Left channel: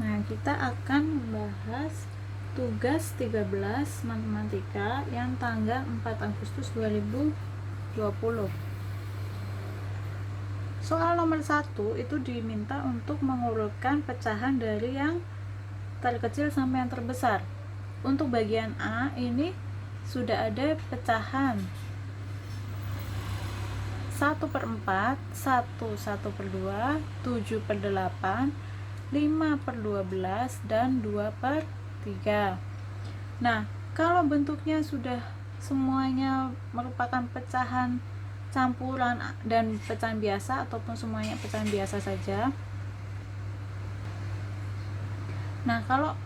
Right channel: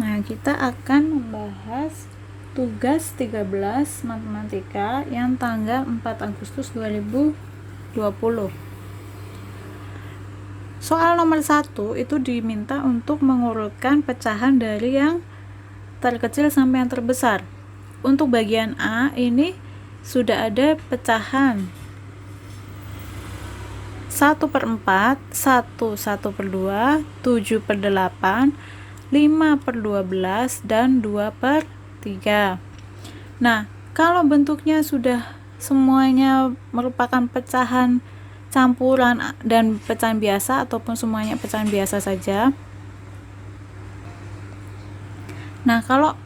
Nah, kita akan membahas tugas 13 matematika yang tanggal 4 Agustus 2020. Soal nomor 1 itu diminta untuk mengurutkan pecahan dari yang terkecil sampai yang terbesar. Untuk bagian A ini sudah ada pecahan 1/4, 1/2, 7/8, 5/12, dan 2/3. Nah, kalau bentuknya sudah semuanya merupakan pecahan campuran dan pecahan biasa ataupun semuanya pecahan biasa saja. Nah, kalau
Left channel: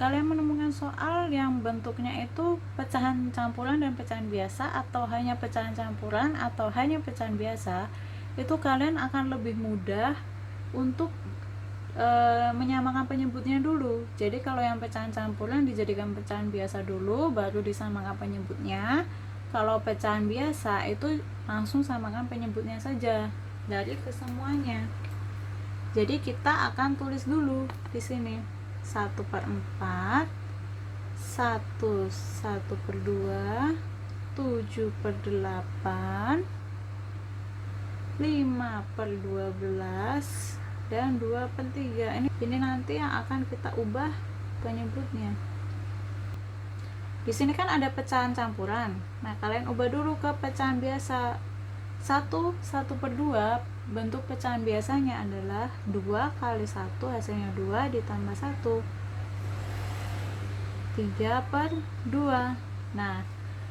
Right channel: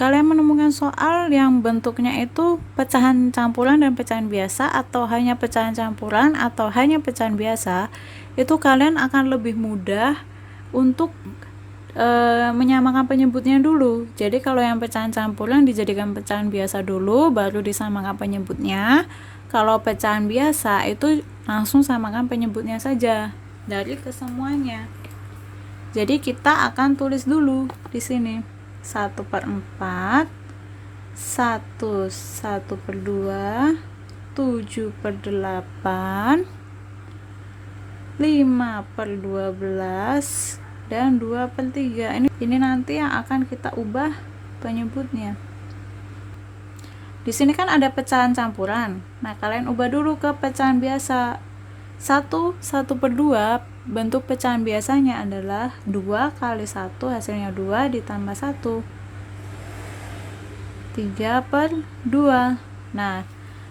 kalian menemukan soal yang bentuknya itu pecahan campuran dan pecahan biasa, atau hanya pecahan campuran atau hanya pecahan biasa, itu kalian akan lebih mudah untuk menyamakan penyebutnya dulu. Jadi kalau yang pecahan campuran dijadikan pecahan biasa dulu, baru disamakan penyebutnya. Kalau pecahan biasa itu langsung samakan penyebutnya saja dari kesemuanya. Jadi kita akan tulis dulu di sini 1/4, 1/2, 7/8, 5/12, dan 2/3. Ini nanti yang akan kita ubah penyebutnya. Di sini kan ada pecahan campuran. Nah, kalian ubah dulu ke pecahan biasa. 1/2 bentuk pecahan biasanya adalah 2 kali 1 hasilnya 2 ditambah 1. 3/2. Nah,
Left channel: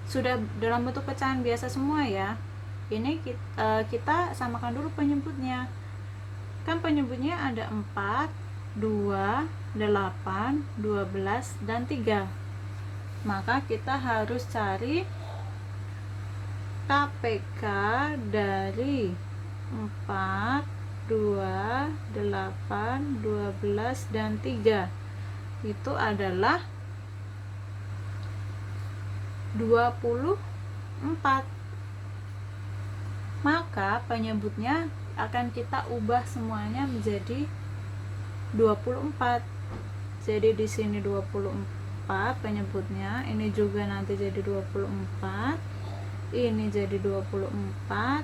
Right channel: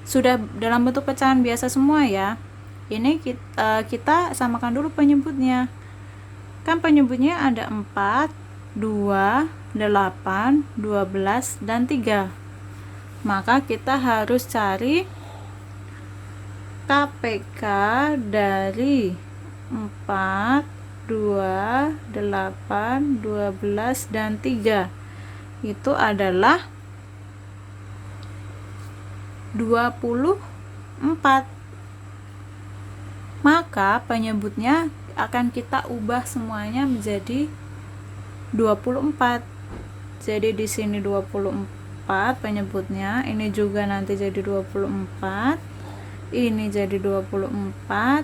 sudah dalam bentuk pecahan biasa semua ya. Ini kita samakan dulu penyebutnya. Kan penyebutnya ada 4, 2, 8, 12, dan 3. Maka kita harus cari KPK dari 4, 2, 8, 12, dan 3. Itu adalah 24. Maka penyebutnya akan kita ubah semuanya menjadi 24. Jadi di sini 24 penyebutnya, ini juga nanti jadi 24. Ini jadi 24,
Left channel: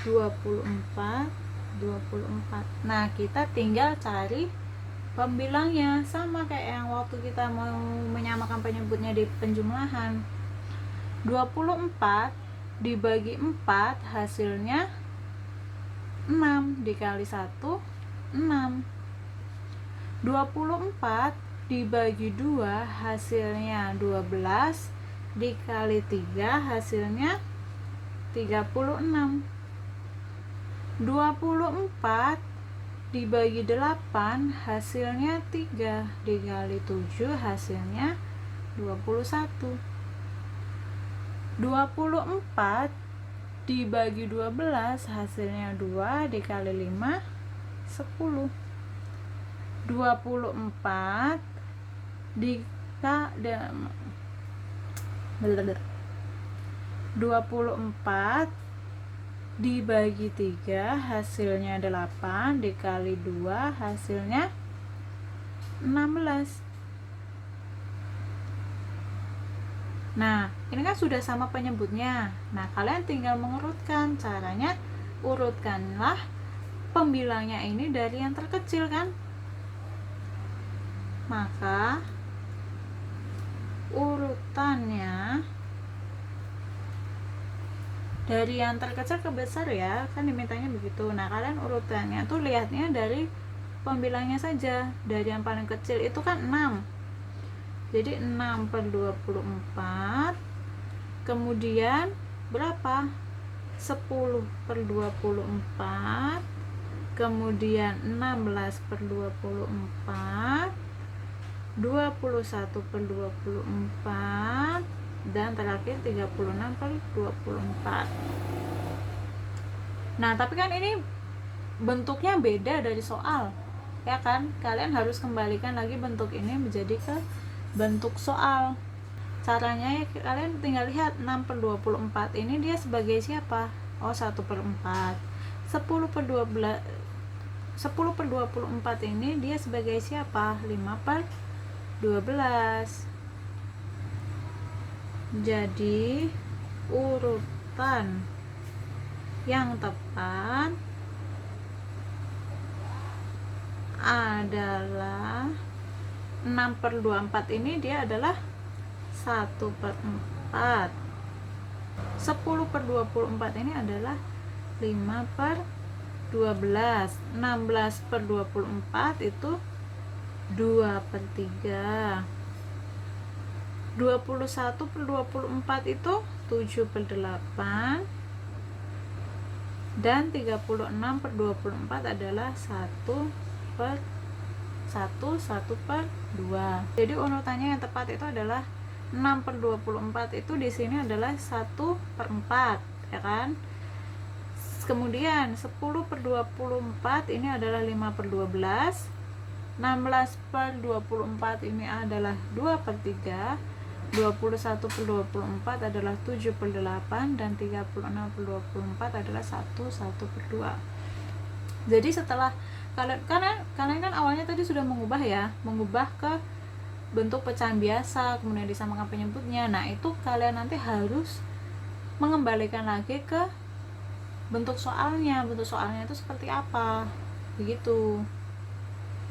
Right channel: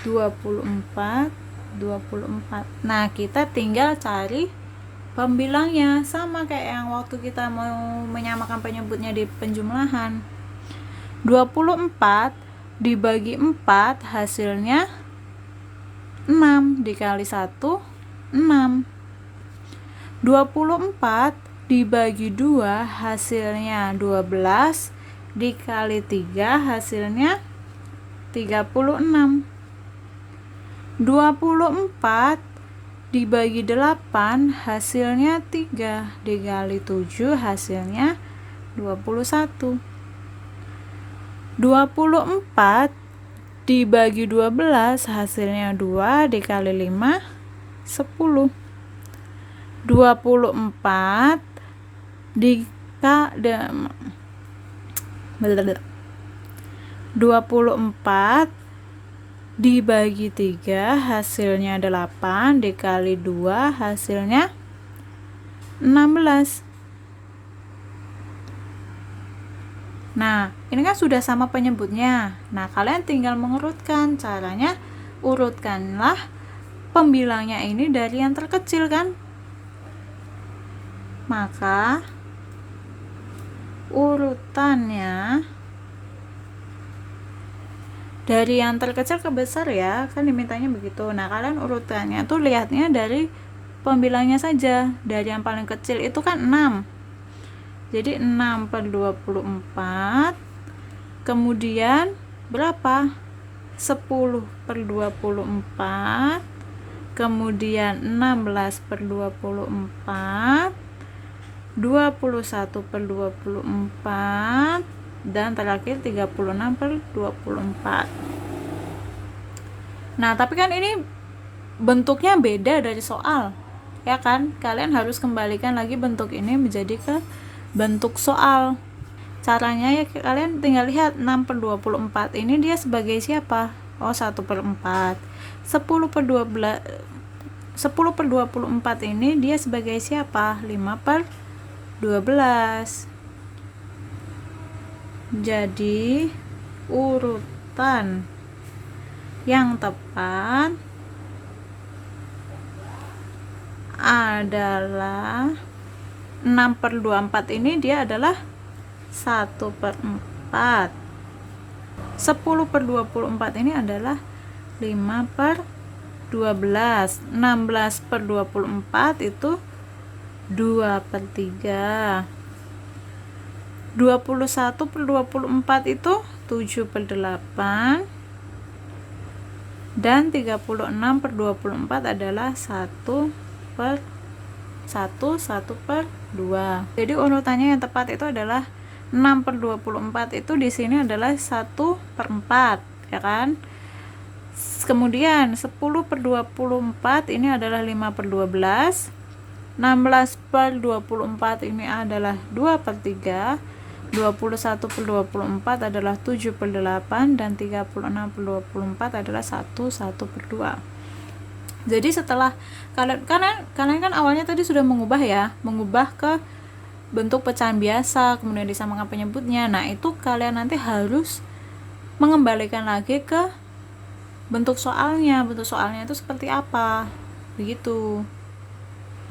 24, 24. Nah, kita tinggal cari pembilangnya, sama kayak yang waktu kita mau menyamakan penyebutnya di penjumlahan. 24 dibagi 4 hasilnya 6, dikali 1, 6. 24 dibagi 2 hasilnya 12, dikali 3 hasilnya 36. 24 dibagi 8 hasilnya 3, dikali 7 hasilnya 21. 24 dibagi 12 hasilnya 2, dikali 5, 10. 24 dibagi 3 hasilnya 8, dikali 2 hasilnya 16. Nah, ini kan sudah sama penyebutnya. Nah, kalian tinggal mengurutkan. Caranya, urutkanlah pembilangnya ini dari yang terkecil kan. Maka urutannya dari yang terkecil ke besar ya, kan dimintanya begitu. Nah, kalian urutannya tuh lihatnya dari pembilangnya saja. Dari yang paling kecil itu kan 6. Jadi 6/24. Kemudian berapa? 10/24. Kemudian 16/24, 21/24, dan terakhir 36/24. Nah, tapi kan ini bentuknya beda dari soal, ya kan? Kalian harus kembalikan lagi bentuk ini menjadi ke bentuk soal. Caranya ya kalian tinggal lihat 6/24 ini dia sebagai siapa? Oh, 1/4. 10/12 10/24 ini dia sebagai siapa? 5/12. Jadi urutan yang tepat adalah 6/24 ini dia adalah 1/4. 10/24 ini adalah 5/12. 16/24 itu 2/3. 21/24 itu 7/8. Dan 36/24 adalah 1/2. Jadi urutannya yang tepat itu adalah 6/24 itu di sini adalah 1/4, ya kan? Kemudian 10/24 ini adalah 5/12. 16/24 ini adalah 2/3. 21/24 adalah 7/8 dan 36/24 adalah 1/2. Jadi setelah kalian kan awalnya tadi sudah mengubah ke bentuk pecahan biasa, kemudian disamakan penyebutnya. Nah, itu kalian nanti harus mengembalikan lagi ke bentuk soalnya. Bentuk soalnya itu seperti apa? Begitu.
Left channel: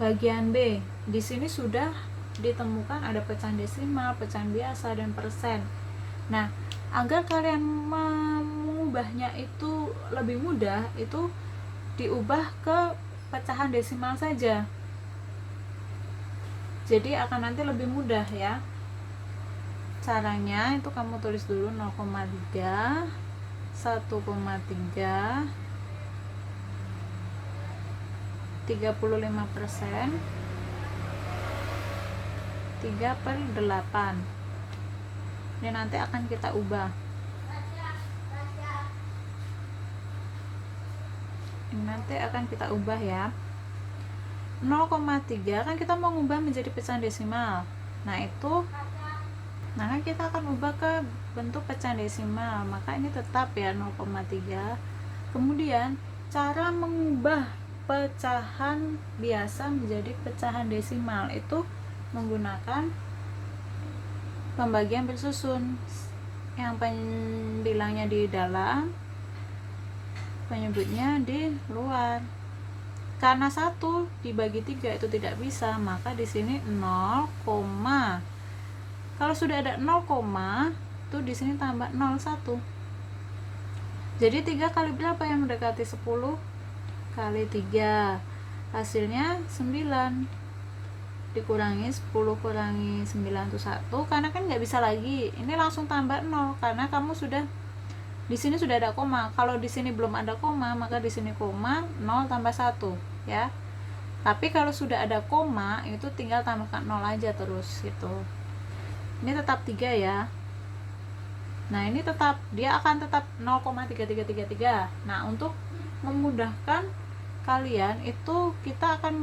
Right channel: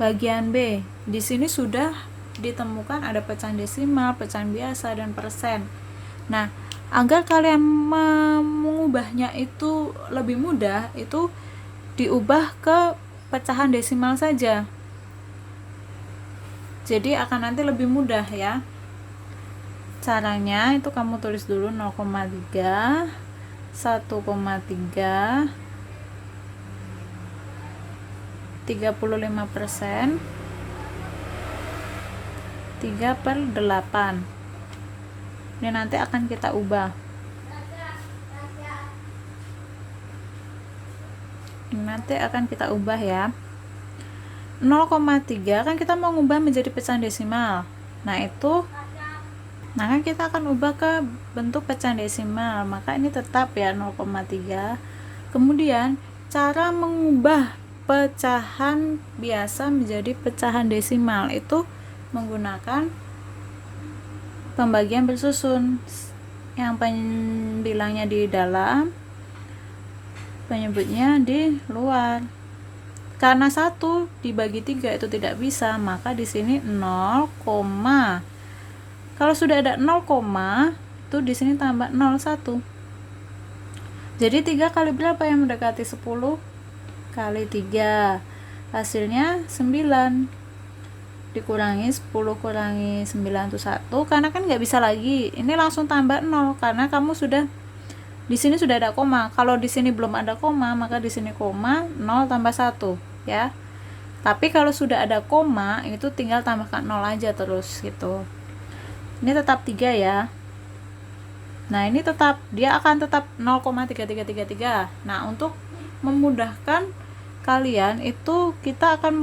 Bagian B. Di sini sudah ditemukan ada pecahan desimal, pecahan biasa, dan persen. Nah, agar kalian mengubahnya itu lebih mudah, itu diubah ke pecahan desimal saja. Jadi akan nanti lebih mudah ya. Caranya itu kamu tulis dulu 0,3, 1,3, 35%, 3/8. Ini nanti akan kita ubah. Ya. 0,3 kan kita mau ubah menjadi pecahan desimal. Nah, kan kita akan ubah ke bentuk pecahan desimal. Maka ini tetap ya 0,3. Kemudian cara mengubah pecahan biasa menjadi pecahan desimal itu menggunakan pembagian bersusun, yang bilangnya di dalam, penyebutnya di luar. Karena 1 dibagi 3 itu tidak bisa, maka di sini 0, kalau sudah ada 0, itu di sini tambah 01. Jadi 3 kali berapa yang mendekati 10? Kali 3. Hasilnya 9. Dikurangi 10 kurangi 9 itu 1, karena kan nggak bisa lagi. Ini langsung tambah 0 karena kamu sudah di sini sudah ada koma. Kalau di sini belum ada koma, maka di sini koma, 0 tambah 1 ya. Tapi kalau sudah ada koma, itu tinggal tambahkan 0 aja terus gitu. Ini tetap 3 ya. Nah, ini dia akan tetap 0,3333. Nah, untuk memudahkan kalian itu kita akan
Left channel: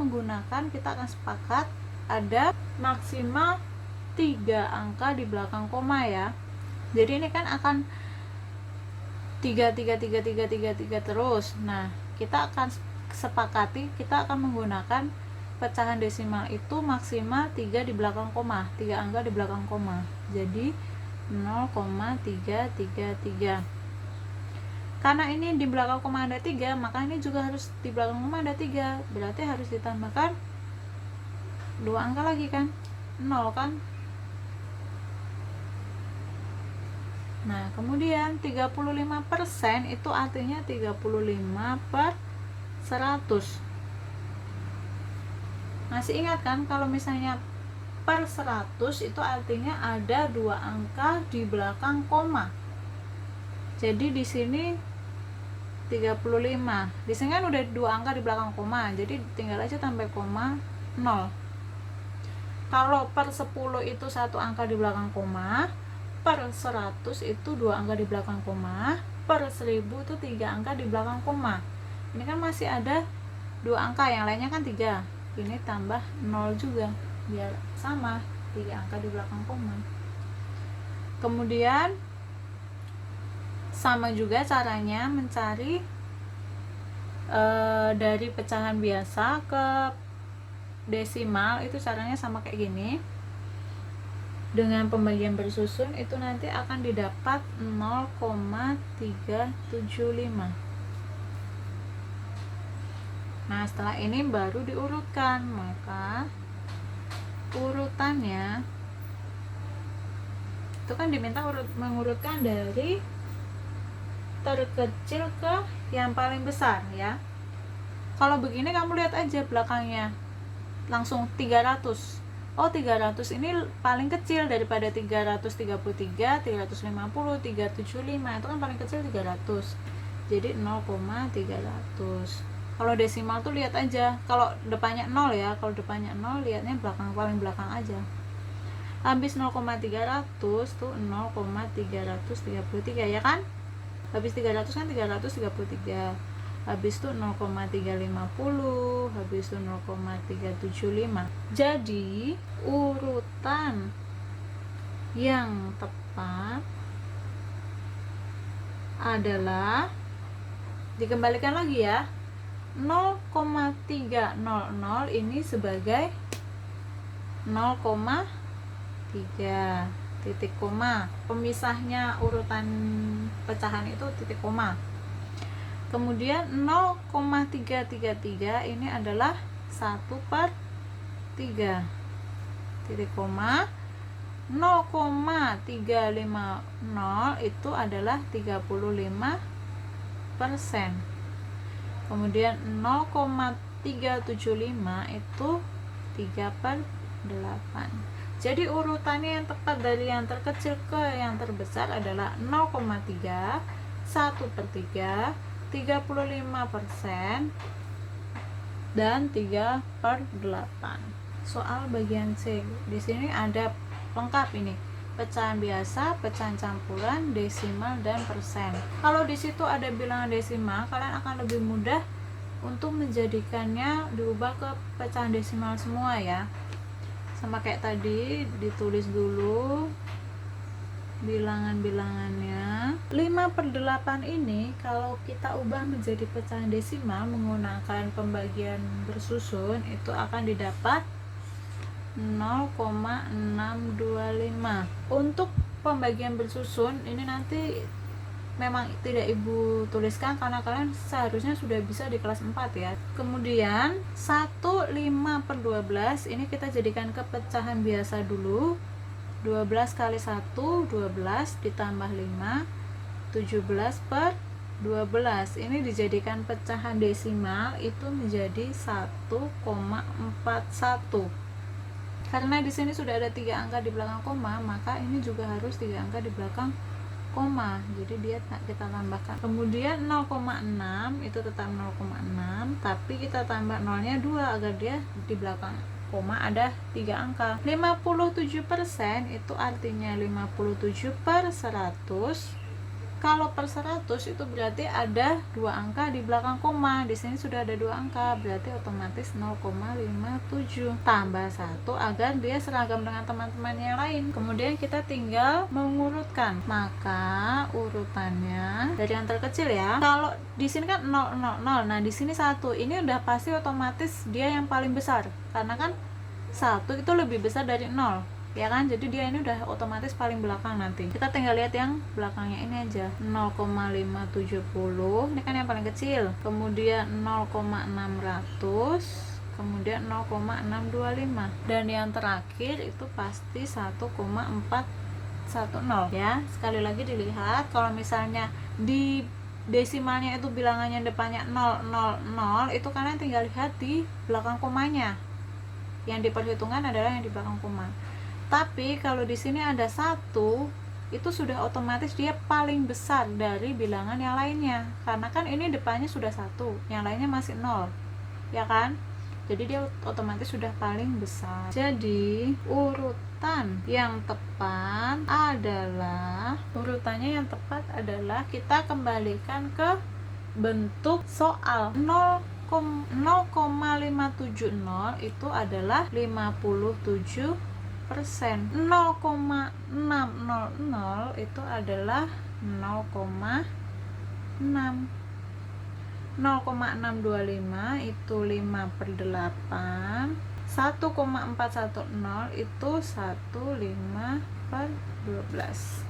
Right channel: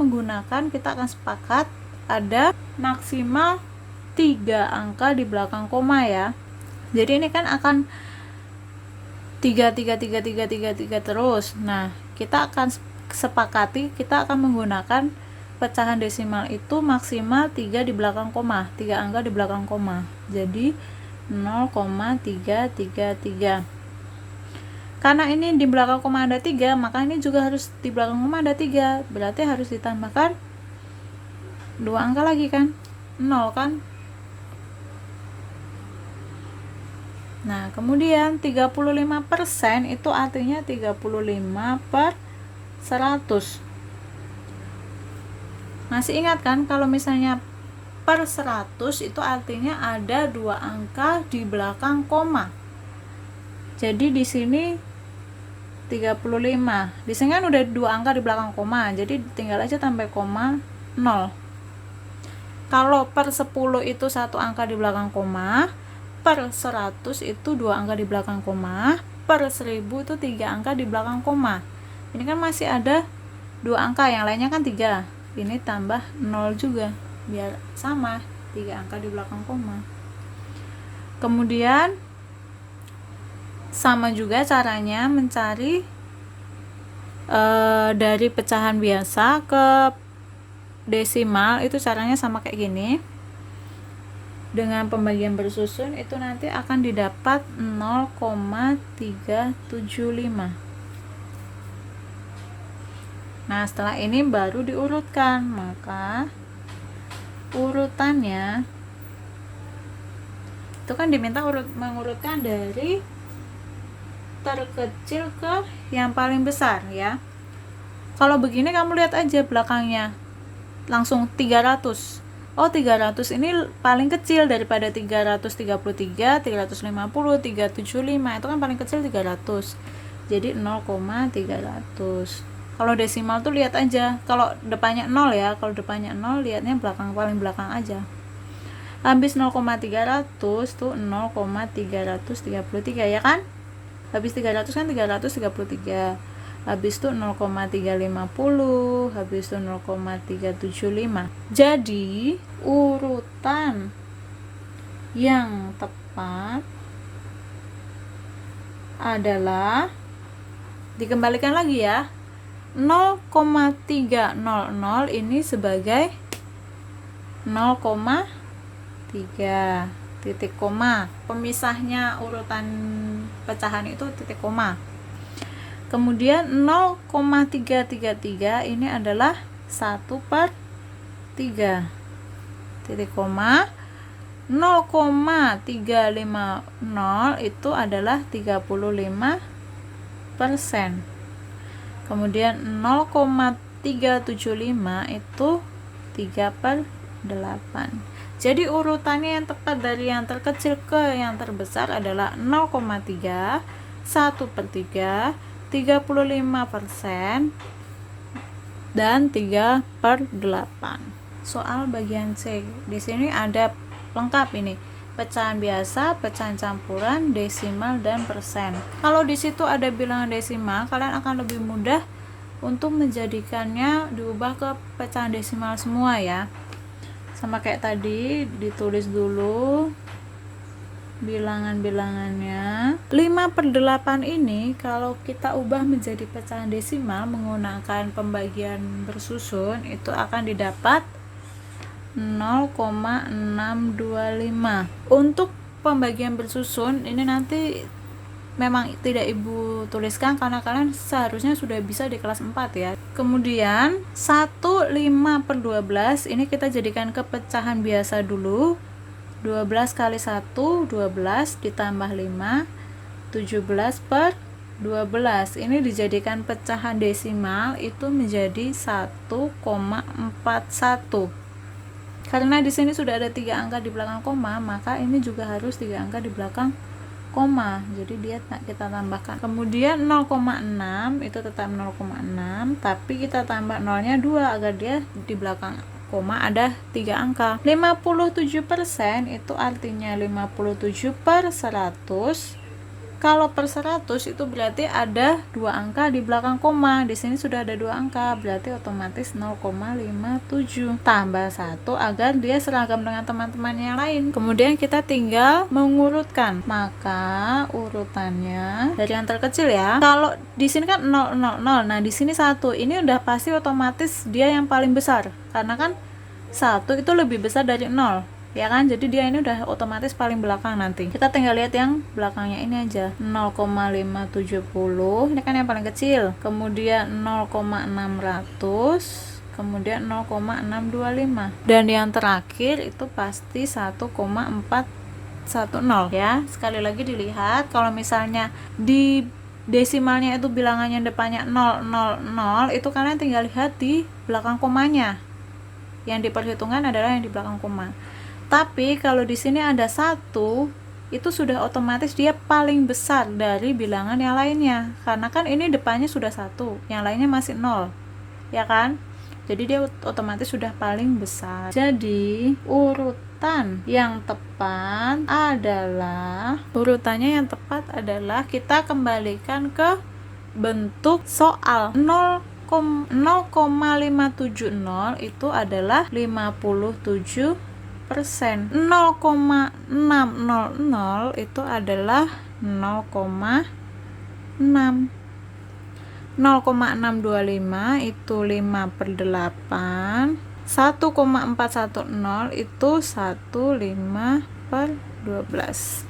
sepakat ada maksimal 3 angka di belakang koma ya. Jadi ini kan akan 3 terus. Nah, kita akan sepakati kita akan menggunakan pecahan desimal itu maksimal 3 di belakang koma, 3 angka di belakang koma. Jadi 0,333. Karena ini di belakang koma ada 3, maka ini juga harus di belakang koma ada 3. Berarti harus ditambahkan 2 angka lagi kan, 0 kan. Nah, kemudian 35% itu artinya 35/100. Masih ingat kan kalau misalnya per 100 itu artinya ada 2 angka di belakang koma. Jadi di sini 35. Di sini kan udah 2 angka di belakang koma, jadi tinggal aja tambah koma 0. Kalau per 10 itu 1 angka di belakang koma, per 100 itu 2 angka di belakang koma, per 1000 itu 3 angka di belakang koma. Ini kan masih ada 2 angka, yang lainnya kan 3. Ini tambah 0 juga, biar sama 3 angka di belakang koma. Kemudian sama juga caranya mencari dari pecahan biasa ke desimal itu caranya sama kayak gini. Dengan pembagian bersusun itu nanti akan didapat 0,375. Nah, setelah ini baru diurutkan. Maka urutannya itu kan diminta mengurutkan dari terkecil ke yang paling besar ya. Kalau begini kamu lihat aja belakangnya. Langsung 300. Oh, 300 ini paling kecil daripada 333, 350, 375. Itu kan paling kecil 300. Jadi 0,300. Kalau desimal tuh lihat aja. Kalau depannya 0 ya. Kalau depannya 0 lihatnya paling belakang aja. Habis 0,300 tuh 0,333 ya kan? Habis 300 kan 333. Habis itu 0,350, habis itu 0,375. Jadi urutan yang tepat adalah, dikembalikan lagi ya, 0,300 ini sebagai 0,3 titik koma. Pemisahnya urutan pecahan itu titik koma. Kemudian 0,333 ini adalah 1/3 titik koma. 0,350 itu adalah 35%. Kemudian 0,375 itu 3/8. Jadi urutannya yang tepat dari yang terkecil ke yang terbesar adalah 0,3, 1/3, 35%, dan 3/8. Soal bagian C. Di sini ada lengkap ini. Pecahan biasa, pecahan campuran, desimal, dan persen. Kalau di situ ada bilangan desimal, kalian akan lebih mudah untuk menjadikannya diubah ke pecahan desimal semua ya. Sama kayak tadi, ditulis dulu bilangan-bilangannya. 5/8 ini kalau kita ubah menjadi pecahan desimal menggunakan pembagian bersusun itu akan didapat 0,625. Untuk pembagian bersusun ini nanti memang tidak ibu tuliskan karena kalian seharusnya sudah bisa di kelas 4 ya. Kemudian 1/5/12 ini kita jadikan ke pecahan biasa dulu. 12 kali 1, 12 ditambah 5, 17/12. Ini dijadikan pecahan desimal itu menjadi 1,41. Karena di sini sudah ada 3 angka di belakang koma, maka ini juga harus 3 angka di belakang koma. Jadi dia kita tambahkan. Kemudian 0,6 itu tetap 0,6, tapi kita tambah nolnya 2 agar dia di belakang koma ada 3 angka. 57% itu artinya 57/100. Kalau per 100 itu berarti ada 2 angka di belakang koma. Di sini sudah ada 2 angka, berarti otomatis 0,57 tambah 1 agar dia seragam dengan teman-temannya lain. Kemudian kita tinggal mengurutkan. Maka urutannya dari yang terkecil ya. Kalau di sini kan 0, 0, 0. Nah, di sini 1. Ini udah pasti otomatis dia yang paling besar. Karena kan 1 itu lebih besar dari 0. Ya kan, jadi dia ini udah otomatis paling belakang nanti. Kita tinggal lihat yang belakangnya ini aja. 0,570 ini kan yang paling kecil. Kemudian 0,600, kemudian 0,625, dan yang terakhir itu pasti 1,410 ya. Sekali lagi dilihat, kalau misalnya di desimalnya itu bilangannya depannya 0, 0, 0, itu kalian tinggal lihat di belakang komanya. Yang diperhitungkan adalah yang di belakang koma. Tapi kalau di sini ada 1, itu sudah otomatis dia paling besar dari bilangan yang lainnya. Karena kan ini depannya sudah 1, yang lainnya masih 0. Ya kan? Jadi dia otomatis sudah paling besar. Jadi urutannya yang tepat adalah kita kembalikan ke bentuk soal. 0,570 itu adalah 57%. 0,600 itu adalah 0,6. 0,625 itu 5/8, 1,410 itu 1/5/12.